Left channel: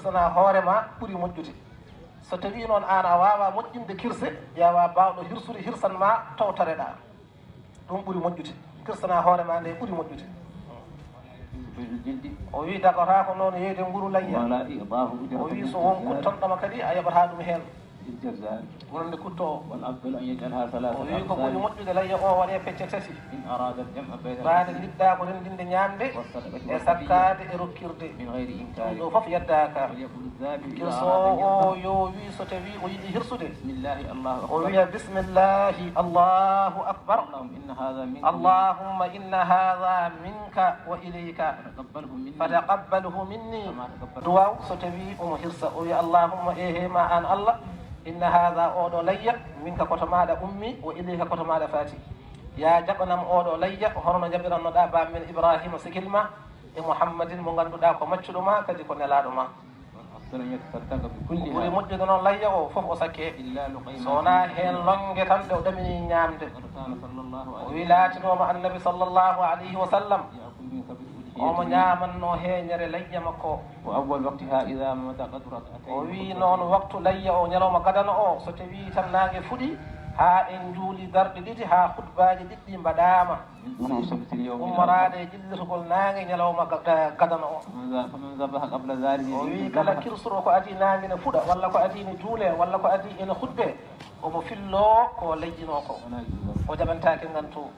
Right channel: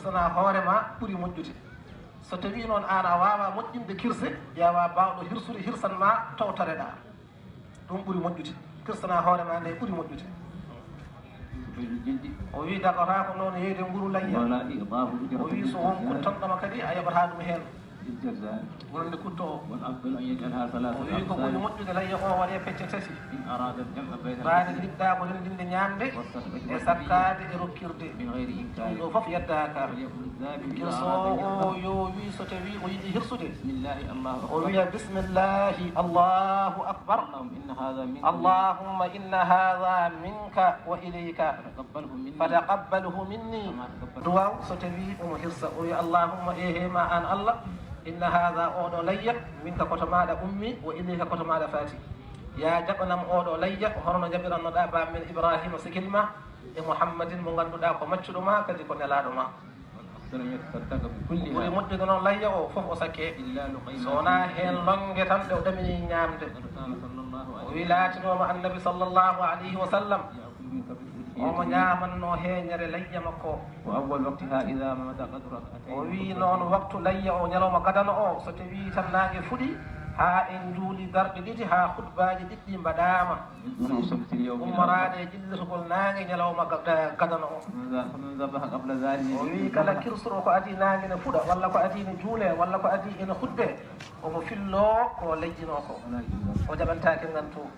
kirsana hoorema ɓuri moƴƴude so tawi noon an a wawa moƴƴinde kirse ƴeewa bawɗo hirsude hirsan ma towtoreɗa ɗum ɓuri moƴƴude kirsana hoorema nde ɓuri moƴƴude o wi dagata ko noon yeyde nguru layya o wi so won kuttanɗoma kadi a yaɓata ɗum hen wonde kutto o o wi ko ɓuri moƴƴude layya o waɗe pecce tati ɓaade liɗɗa ko rendinde ñamde e sakkade e rokkirde ɗum ɗo foof yeddaka kirsowo o yo wi so tawi o yiɗi hirsude o wiya bismillahi allahu akbar allahumma inna hadha minka wa ilayka fataqabbalhu minni duwaw so tawi omo hirsa o wiya allahumma ehema an allah inna hadha oɗo layya minka koto maɗa ummi wa ilayka koto maɗa faati ya jaɓanam oɗo layya horno jaɓirannoɗa bamen ibrahima sikilma e mouhammadin mo ganduɗa ko maccuɗo ma kadi ko nelaɗo ma ɓuri moƴƴude noon layya o foof o sakke so wona hen longue tan ɗe o ɗamini ñamde o wi laatinoma annabi sallllahu alayhi wa sallam omo ñamanno heeñere layya makko o wi noon waktu layya o ñalawma gadana o so tawi tan nangue fuɗi ha en juuli darɗe ɗiɗi ha hutbaji ɗiɗɗi mbaɗama ummorade e jillitogol nangue ñalawma gadana o o wi kala kirsuro ko adi nangue ne fuɗa walla ko adi ne juule walla ko adi ene hutbe omo fillo ko lejjino ko o jaɓantake ngan to